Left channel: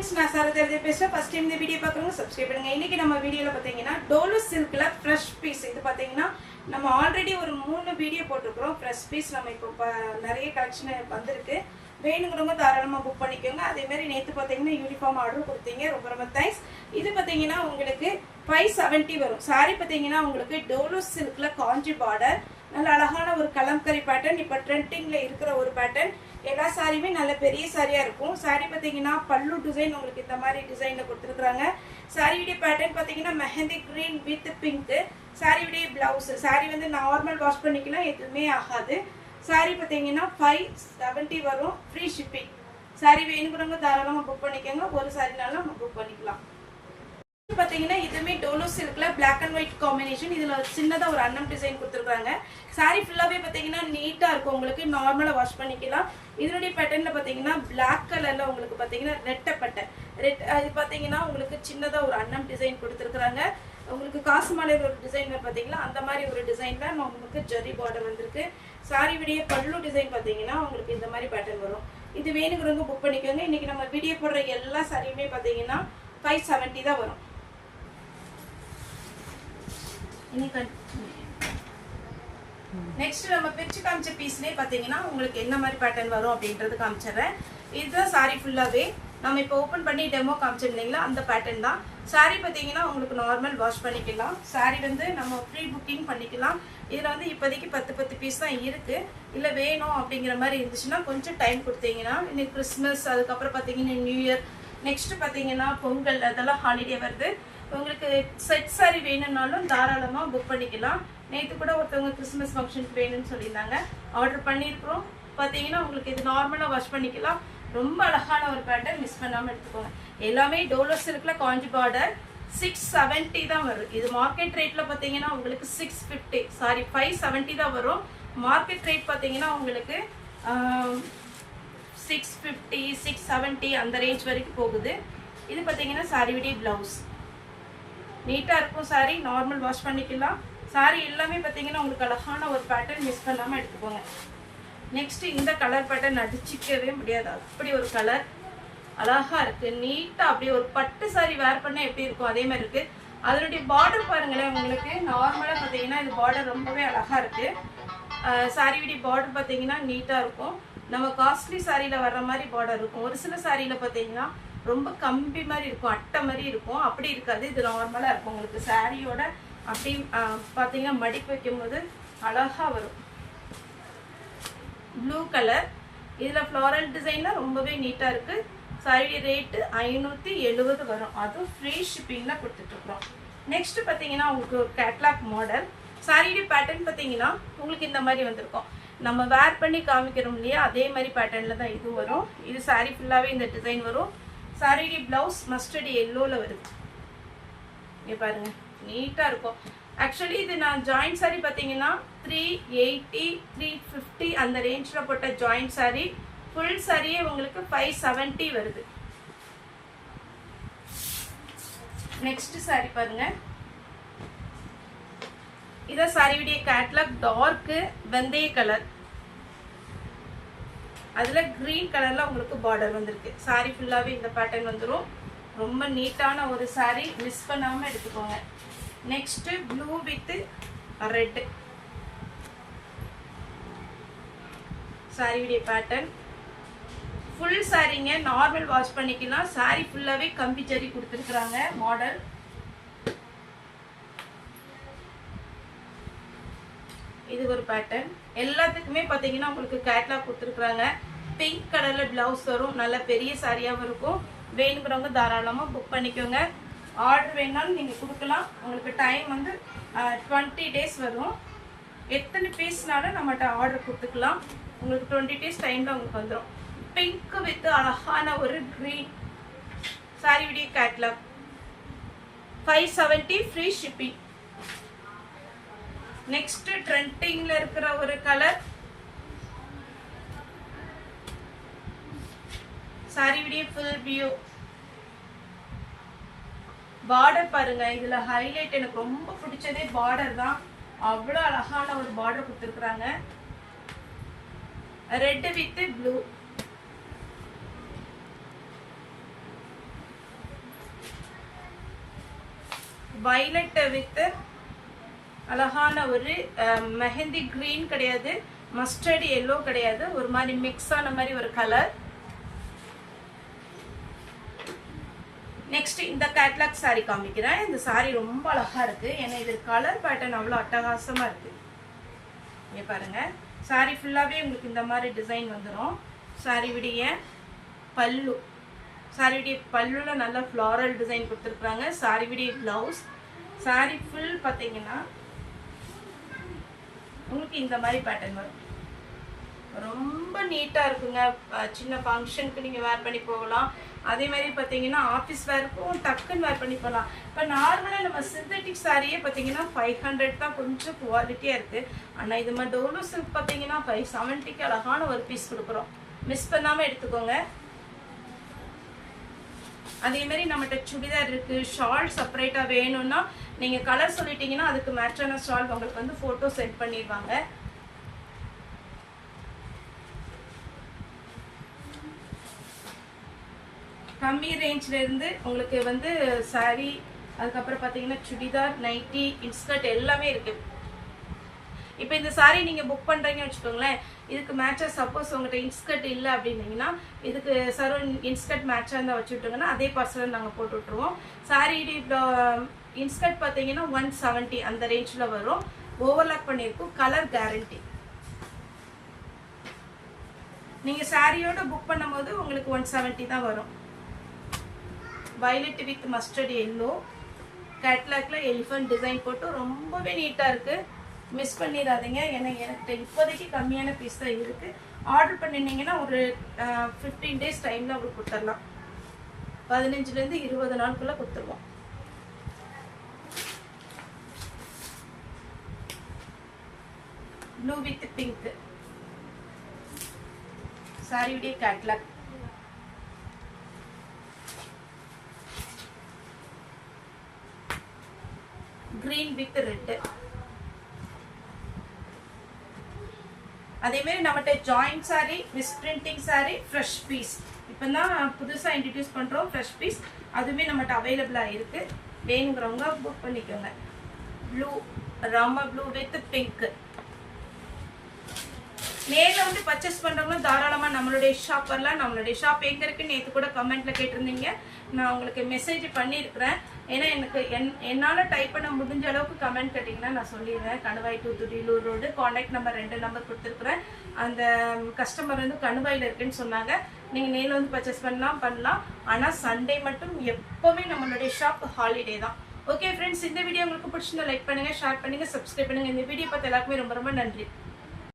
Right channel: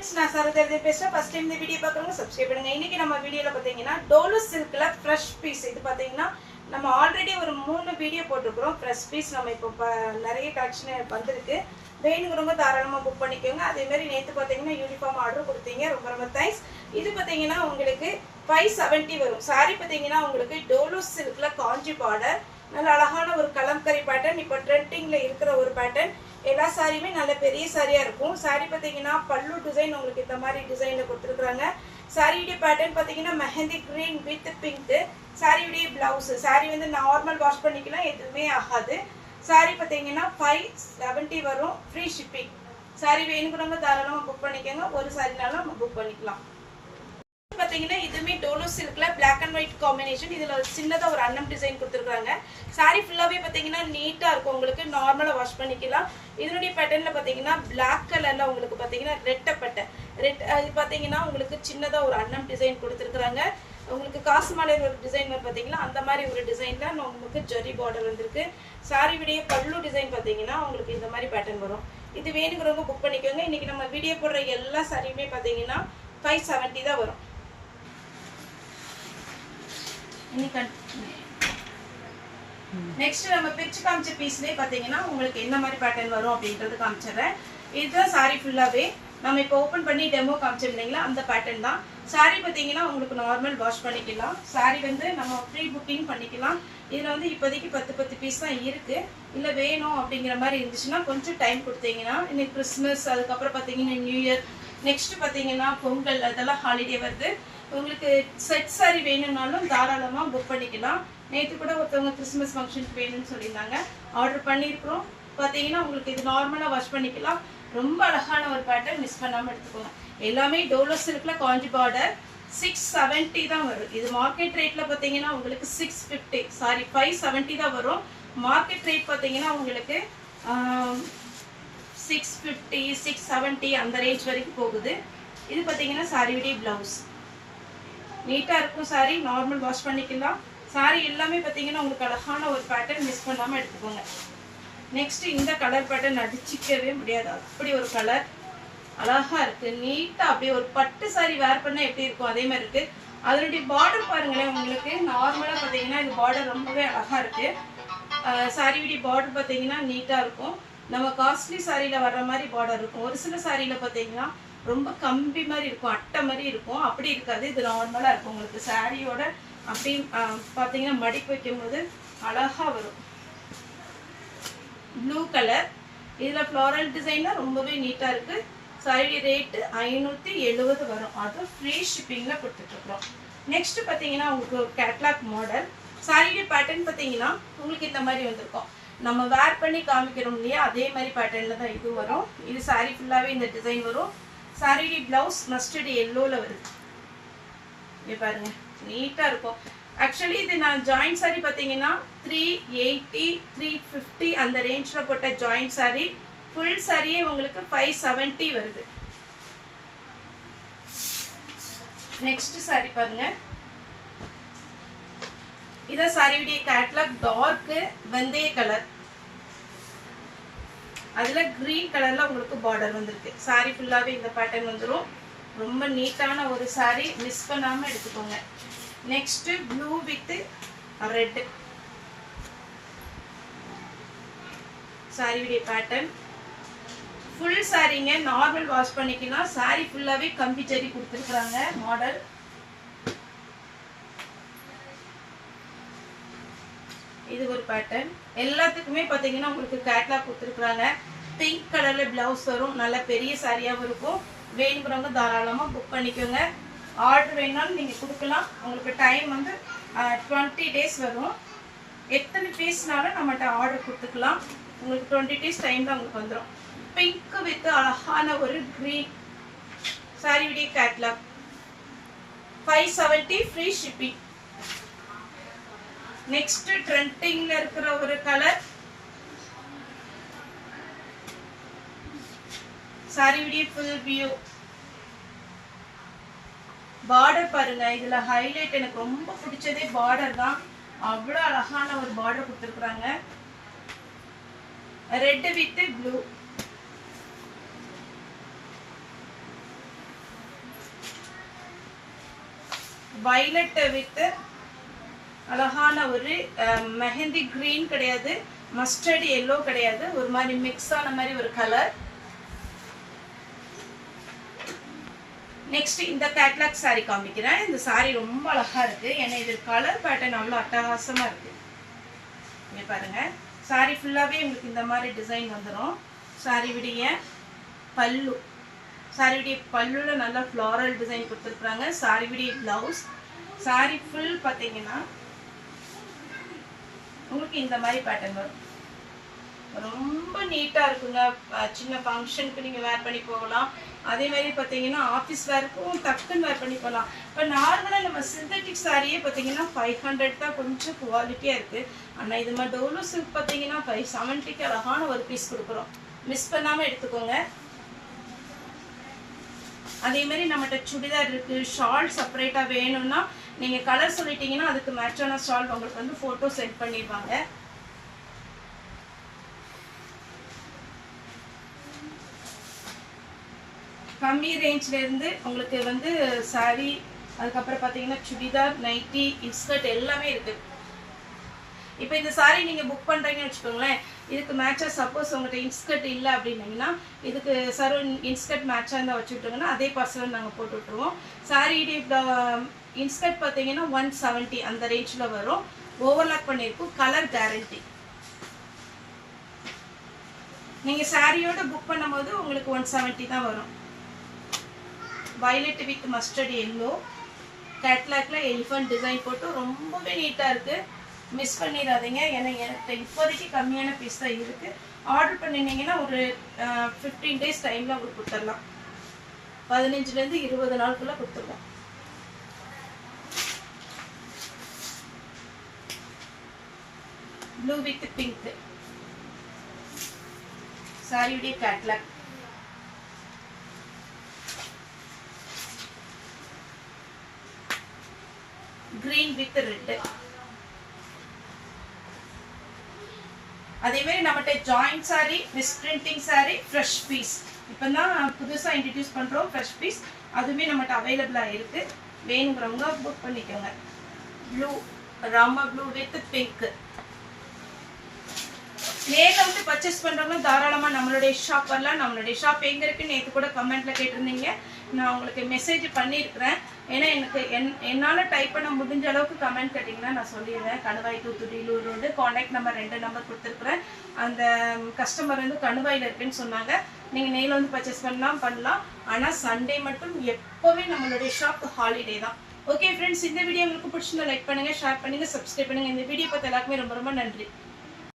நான் சரதேவி பேசுறேன். First time இந்த வீடியோ பார்க்குறவங்க சப்ஸ்கிரைப் பண்ணுங்க. இன்னைக்கு நம்ம வீடியோல பாத்தீங்கன்னா டோலோ சில்க்ல ஃப்ரெஷ் பீஸ். இது பாத்தீங்கன்னா நம்ம ஆல்ரெடி ஒரு 3 வீடியோ போட்டிருக்கிறோம். ஃப்ரெஷ் பீஸ் நம்ம இப்போ நிறைய கலெக்ஷன் வந்திருக்கு. வேணுங்கிறவங்க தாராளமா புக் பண்ணிக்கோங்க. அதே மாதிரி நேற்று பாத்தீங்கன்னா யூனிஃபார்ம் ஆர்டர் கொடுத்தீங்க, ரொம்ப ரொம்ப தேங்க்ஸ். இது பாத்தீங்கன்னா உங்களுக்கு 570 வரும். சாரி பாத்தீங்கன்னா உங்களுக்கு டோலோ சில்க்ல காஞ்சி பார்டர், நல்ல அழகான ஒரு கலம்கரி பேட்டர்ன். இப்போ ட்ரெண்டிங்ல இருக்கிற ஒரு பேட்டர்ன். எல்லா சாரியுமே நல்ல பெரிய சாரியா இருக்கும். சாரி பாத்தீங்கன்னா பல்லு டிசைன் உங்களுக்கு இந்த மாதிரி டிசைன்ல கொடுத்துருக்காங்க. சாரியுடைய பேட்டர்ன் பாத்தீங்கன்னா மெஹந்தி கிரீன் வித் பிங்க். சாரியுடைய பிளவுஸ். சாரி வந்து நார்மல் வாஷ் பண்ணிக்கலாம், எதுவுமே ஆகாது. சாரி பாத்தீங்கன்னா 570 வரும், ஃப்ரீ ஷிப்பிங். சாரி வேணுங்கிறவங்க தாராளமா புக் பண்ணிக்கோங்க. ஒரு சாரினாலும் புக் பண்ணிக்கலாம். பாத்தீங்கன்னா இதுமே டோலோ சில்க்ல பிளாக் அண்ட் ஒயிட் காம்பினேஷன். இதுல சின்னதா ஒரு அன்னம் டிசைன் கொடுத்துருக்காங்க. சாரி ஃபுல்லாவே பாத்தீங்கன்னா நீட்டா இருக்கும், உங்களுக்கு நார்மலா வாஷ் பண்ணிக்கலாம். இதனுடைய பேட்டர்ன்ல பாத்தீங்கன்னா பிளாக் கலர்ல உங்களுக்கு பாத்தீங்கன்னா ரெட்டப்பட்டை ரெட். அது பாத்தீங்கன்னா உங்களுக்கு சின்னதா ஒரு அன்னம் டிசைன் கொடுத்துருக்காங்க. உங்களுக்கு காசு மாலையில் ஒரு டிசைன் பாத்தீங்கன்னா அந்த மாதிரி ஒரு டிசைன்ல உங்களுக்கு ஜெரி பார்டர் வந்திருக்கு. சாரி விடைய பல்லு டிசைன் பாத்தீங்கன்னா உங்களுக்கு இந்த மாதிரி பேட்டர்ன் வரும். இது வேணுங்கிறவங்க புக் பண்ணிக்கோங்க. இன்னைக்கு நம்ம வீடியோ போடுற எல்லா சாரியுமே பாத்தீங்கன்னா 570 தான் வரும். நெக்ஸ்ட் நம்ம பிரிச்சு காமிச்ச பீஸ்லயே பாத்தீங்கன்னா உங்களுக்கு என்ன மாதிரி பேட்டர்ன் வரும் அப்படின்றது காமிச்சிடுறேன். இதுதான் சாரி ஃபுல்லாவே நம்ம இப்போ ஓபன் பண்ணி டெமோ காமிச்சோம் இல்லைங்களா, அந்த பேட்டர்ன் தான். சாரி பாத்தீங்கன்னா உங்களுக்கு நார்மல் வாஷ் பண்ணிக்கலாம். சாரி வந்து நம்ம ப்ரீ புக்கிங் பண்ணிக்கலாம். இதுல வந்து இப்போதைக்கு 10 பீஸ் தான் இருக்கு. இல்ல வேணும் அப்படிங்கிற மாதிரி இருந்துச்சுன்னா கொஞ்சம் டைம் கொடுத்தீங்கன்னா, இன்னைக்கு கிறிஸ்மஸ், அதுக்கப்புறம் பாத்தீங்கன்னா நியூ இயர், நெக்ஸ்ட் பாத்தீங்கன்னா பொங்கல், அதெல்லாம் ஹாலிடே வருது. உங்களுக்கு செட் சாரி வேணும்னாலும் தாராளமா புக் பண்ணிக்கலாம். நேற்று கூட ஒருத்தவங்க கிறிஸ்மஸ் ஃபங்க்ஷனுக்கு வேணும்னு சொல்லியிருந்தாங்க, ஆர்டர் பண்ணியிருக்கிறோம். பார்த்தீங்கன்னா உங்களுக்கு இது நார்மலாக வாஷ் பண்ணிக்கலாம். ரொம்ப அழகான ஒரு பேட்டர்ன், மிஸ் பண்ணாமல் எடுத்துக்கோங்க. எல்லாமே டோலோ சில்க்ல காஞ்சி பார்டர். 670 தான் வரும். இது மார்க்கெட் ரேட்ல பார்த்தீங்கன்னா உங்களுக்கு 650, சாரி 570 தான் வரும். மார்க்கெட் ரேட் பார்த்தீங்கன்னா உங்களுக்கு 650, 670 அந்த ரேஞ்ச் வரைக்கும் போகுது. இது பார்த்தீங்கன்னா சாரியுடைய பிளவுஸ். நீட்டா இருக்கும் சாரி, நார்மல் வாஷ் பண்ணிக்கலாம். சாரி எல்லாமே பாத்தீங்கன்னா உங்களுக்கு அழகான ஒரு பேட்டர்ன், மிஸ் பண்ணாம எடுத்துக்கோங்க. நெக்ஸ்ட் இந்த கலர் பேட்டர்ன் அடிச்சிக்கவே முடியாது, அப்படி ஒரு கலர் அழகா இருக்கு. நீட்டா அப்படியே ஒரு பட்டு சாரி வேர் பண்ண எப்படி இருக்கும் அதே மாதிரி இருக்கு. அதனுடைய பார்டர் பாருங்களேன், உங்களுக்கு நார்மலா பாத்தீங்கன்னா இது பார்டர் ரொம்பவே அழகா இருக்கு. சாரியுடைய பார்டர் பாத்தீங்கன்னா நீட்டா இருக்கும். நம்ம காஸ்ட்லி சாரியில வர்ற மாதிரி பார்டர் இருக்கும். ஒரு சில சாரியில பாத்தீங்கன்னா ரொம்ப கம்பி மாதிரி இருக்கும், அட்டை மாதிரி இருக்கும். அப்படி இருக்காது, இது நார்மலா இருக்கும். உங்களுக்கு சாரியோட அப்படி பாத்தீங்கன்னா மடிப்பு வைக்கும் போது அழகா வரும். ப்ளூ கலர், இதுல ஃப்ளோரல் டிசைன்ல ரொம்பவே நீட்டா இருக்கு. சாரி ரேட் 570 வரும், அது ஃப்ரீ ஷிப்பிங்ல கொடுத்துட்டு இருக்கோம். நெக்ஸ்ட் பாத்தீங்கன்னா உங்களுக்கு ஒரு கேட்லாக் மாடல். சாரியுடைய பேட்டர்ன் பாத்தீங்கன்னா உங்களுக்கு இந்த மாதிரி வந்திருக்கும். நம்ம வேர் பண்ணி காமிக்கிறோம் இல்லையா, அதே மாதிரி பேட்டர்ன்ல தான் இது வரும். இது சாரி ஃபுல்லாவே இந்த டிசைன் வரும். சாரியுடைய பிளவுஸ் மஸ்டர்ட் எல்லோல வருது. இங்க பாருங்க, நீட்டா இருக்கும். ஆக்சுவலி இது நான் ஜாயிண்ட் சாரி பாத்தீங்கன்னா 380, 350 அந்த ரேஞ்ச்ல போட்ட ஜாயிண்ட் சாரி. ஃபுல் சாரியே உங்களுக்கு 570 வருது. நெக்ஸ்ட் சாரி பாருங்க, இத சாரியுடைய கேட்லாக். டார்க் வெந்தய கலர், அதுல கிரீன் கலர்ல உங்களுக்கு பார்டர் வந்திருக்கு. சாரி ஃபுல்லாவே இந்த பேட்டர்ன் வந்துடும். ரொம்ப நீட்டான ஒரு சாரி, மிஸ் பண்ணாம எடுத்துக்கோங்க. நெக்ஸ்ட் ப்ளூ வித் ரெட் சாரியுடைய பேட்டர்ன். ஃபுல் சாரிங்க, நார்மல் வாஷ் பண்ணிக்கலாம். சாரி ஃபுல்லாவே கம்பி ஜரி கொடுத்துருக்காங்க மாடல். இது ஒரு பேட்டர்ன். எல்லாத்துக்குமே பாத்தீங்கன்னா உங்களுக்கு கேட்லாக் கொடுத்துருக்காங்க. பிங்க் கலர்ல பிளவுஸ் வரும், நல்ல பெரிய சாரியாவும் இருக்கும். வேணுங்கிறவங்க தாராளமா புக் பண்ணிக்கோங்க. ஆர்டர் வேணாலும் நீங்க கொடுக்கலாம். உங்களுக்கு டைம் வந்து 20 டேஸ் வரும். எத்தனை பீஸ்னாலும் நம்மகிட்ட ஆர்டர் கொடுத்துக்கலாம். உங்களுக்கு 20 டேஸ் டைம்ல உங்களுக்கு வந்துடும். பிங்க் வித் அழகான ஒரு கிரீன் சாரியுடைய கேட்லாக். 570 free shipping. நெக்ஸ்ட் ட்ரெண்டிங்ல இருக்கிற ஒரு கலர். சாரியுடைய ஃபுல் வியூ. பார்டர் பாருங்க, இதுல ஹைலைட் எனக்கு ரொம்ப பிடிச்சதே பார்டர் தான். அவ்வளவு அழகான ஒரு பார்டர் கொடுத்துருக்காங்க. Red with blue. violet with அழகான ஒரு மெஹந்தி green கிடையாது, மஸ்டர்ட் yellow கிடையாது, ஒரு மாதிரி மிக்ஸ் ஆன மாதிரி ஒரு கலர். நெக்ஸ்ட் இந்த கேட்லாக் saree காமிக்கிறேன். இந்த saree ரொம்ப அழகா இருக்கு. ஏன்னா இது கலர் பேட்டர்ன் அவ்வளோ அட்டகாசமா இருக்கு. இங்க பாருங்க, saree ஃபுல்லாவே உங்களுக்கு இந்த மாதிரி டிசைன் வந்துடும். saree விடிய பல்லு, saree விடிய பல்லுல நல்லா ஃப்ளாரல் டிசைன் கொடுத்துருக்காங்க. saree விடிய பிளவுஸ், saree ஃபுல் பார்த்தீங்கன்னா உங்களுக்கு இந்த மாதிரி பேட்டர்ன் வரும். ரொம்ப நீட்டா இருக்குங்க. சின்ன ஃபங்க்ஷனுக்கு நீங்க வேர் பண்ணி போகலாம். அதே மாதிரி பார்த்தீங்கன்னா ஆஃபீஸ் வேர்க்கும் டக்குன்னு வேர் பண்ணி போகலாம். இப்போ நார்மலாக நம்ம சிந்தட்டிக் சாரியே பார்த்தீங்கன்னா 500 தான், கொஞ்சம் குவாலிட்டியாக இருக்குது. ஆனால் இது மாதிரி டோலோ சில்க் பார்த்தீங்கன்னா 570க்கு அழகான ஒரு பீஸ் கொடுக்குறோம். மிஸ் பண்ணாமல் எடுத்துக்கோங்க. அதே மாதிரி நம்மகிட்ட சுடிதார் இருக்குது. ஷால் செப்பரேட்டாக வேணும்னா நீங்கள் கலர் சொல்லிட்டீங்கன்னா அதுக்கு மேட்சான ஷால் உங்களுக்கு வந்து ஃபோட்டோ சென்ட் பண்ணிடுவாங்க. கம்மி ரேஞ்சில் இருந்து உங்களுக்கு வந்து சாரீ, அதுக்கப்புறம் பார்த்தீங்கன்னா சுடிதார், நைட்டி, இன்ஸ்கர்ட் எல்லாமே இருக்குது. இப்போ இந்த சாரீ நீங்கள் புக் பண்ணுறீங்கன்னு வச்சுக்கோங்களேன், இதுக்கு மேட்சாக சப்போஸ் உங்கள்கிட்ட இன்ஸ்கர்ட் இல்லை அப்படின்னீங்கன்னா இதுக்கு சார் இன்ஸ்கர்ட் மேட்சாக இருந்தால் வச்சு விட்டுங்கன்னா அதே பார்சலில் நாங்கள் போட்டு விட்ருவோம். சாரீ இன்ஸ்கர்ட் பார்த்தீங்கன்னா 170 அந்த ரேஞ்சில் வரும். ஓவர்லாக் பண்ணியிருக்கும். Colour guarantee. நீங்கள் சாரியோட புக் பண்ணும்போது உங்களுக்கு 170 தான் வரும். வயலட் வித் மஸ்டர்ட் எல்லோ கேட்லாக்ல எலிஃபண்ட் டிசைன் போட்டு ரொம்பவே நீட்டாக இருக்குது. மிஸ் பண்ணிடாதீங்க. ஏன்னா எனக்கு இப்போதைக்கு கம்மியான பீஸ் தான் இருக்குது. ஆர்டர் பண்ணினீங்கன்னா ஒரு 15 டேஸ் டைமில் உங்களுக்கு கொடுத்துடலாம். 15லேருந்து 20 நாளுக்குள்ளே கொடுத்துருவோம். ப்ளூ வித் பிங்க் சாரியுடைய கேட்லாக். Green with red. அதே மாதிரி நம்மகிட்ட joint sari, miss printing sari, fresh piece இப்போ தான் புதுசாக இன்ட்ரடியூஸ் பண்ணுறோம். ஃப்ரெஷ் பீஸ் அதுவுமே நம்மகிட்ட அவைலபிளாக இருக்குது. வேணுங்கிறவங்க புக் பண்ணிக்கோங்க. Blue, Rama blue with pink. நேரில் வந்து பர்ச்சேஸ் பண்ணுறவங்களும் தாராளமாக நம்மளுடைய ஷாப் வரலாம். நம்மளுடைய ஷாப் எங்கே இருக்குன்னு நேற்று கூட கமெண்ட்டில் கேட்டிருந்தீங்க. நான் உங்களுக்கு மெசேஜ் பண்ணியிருக்கிறேன். ஏன்னா எனக்கு என்னால் டைப் பண்ண முடிஞ்ச அளவுக்கு கமெண்ட் கேட்டிங்கன்னா நான் சொல்லிடுவேன். கணுவாய் தூத்துக்குடி லூர் ரோடு. காண்டாக்ட் நம்பர் 2 நம்பர் கொடுத்துருக்குறேன். அந்த கஸ்டமர் வந்து கணுவாயில் இருக்குன்னு சொன்னாங்க. நீங்கள் நேரில் வந்து பர்ச்சேஸ் பண்ணலாம். ஆனால் சண்டே மட்டும் எப்போவுமே நம்மளுடைய ஷாப் ஹாலிடே தான். ஓகே ஃப்ரெண்ட்ஸ், இந்த வீடியோ உங்களுக்கு பிடிச்சிருந்தா லைக் பண்ணுங்கள், ஷேர் பண்ணுங்கள், சப்ஸ்கிரைப் பண்ணுங்கள். இந்த வீடியோ பார்த்து எல்லாருக்குமே ரொம்ப ரொம்ப நன்றி.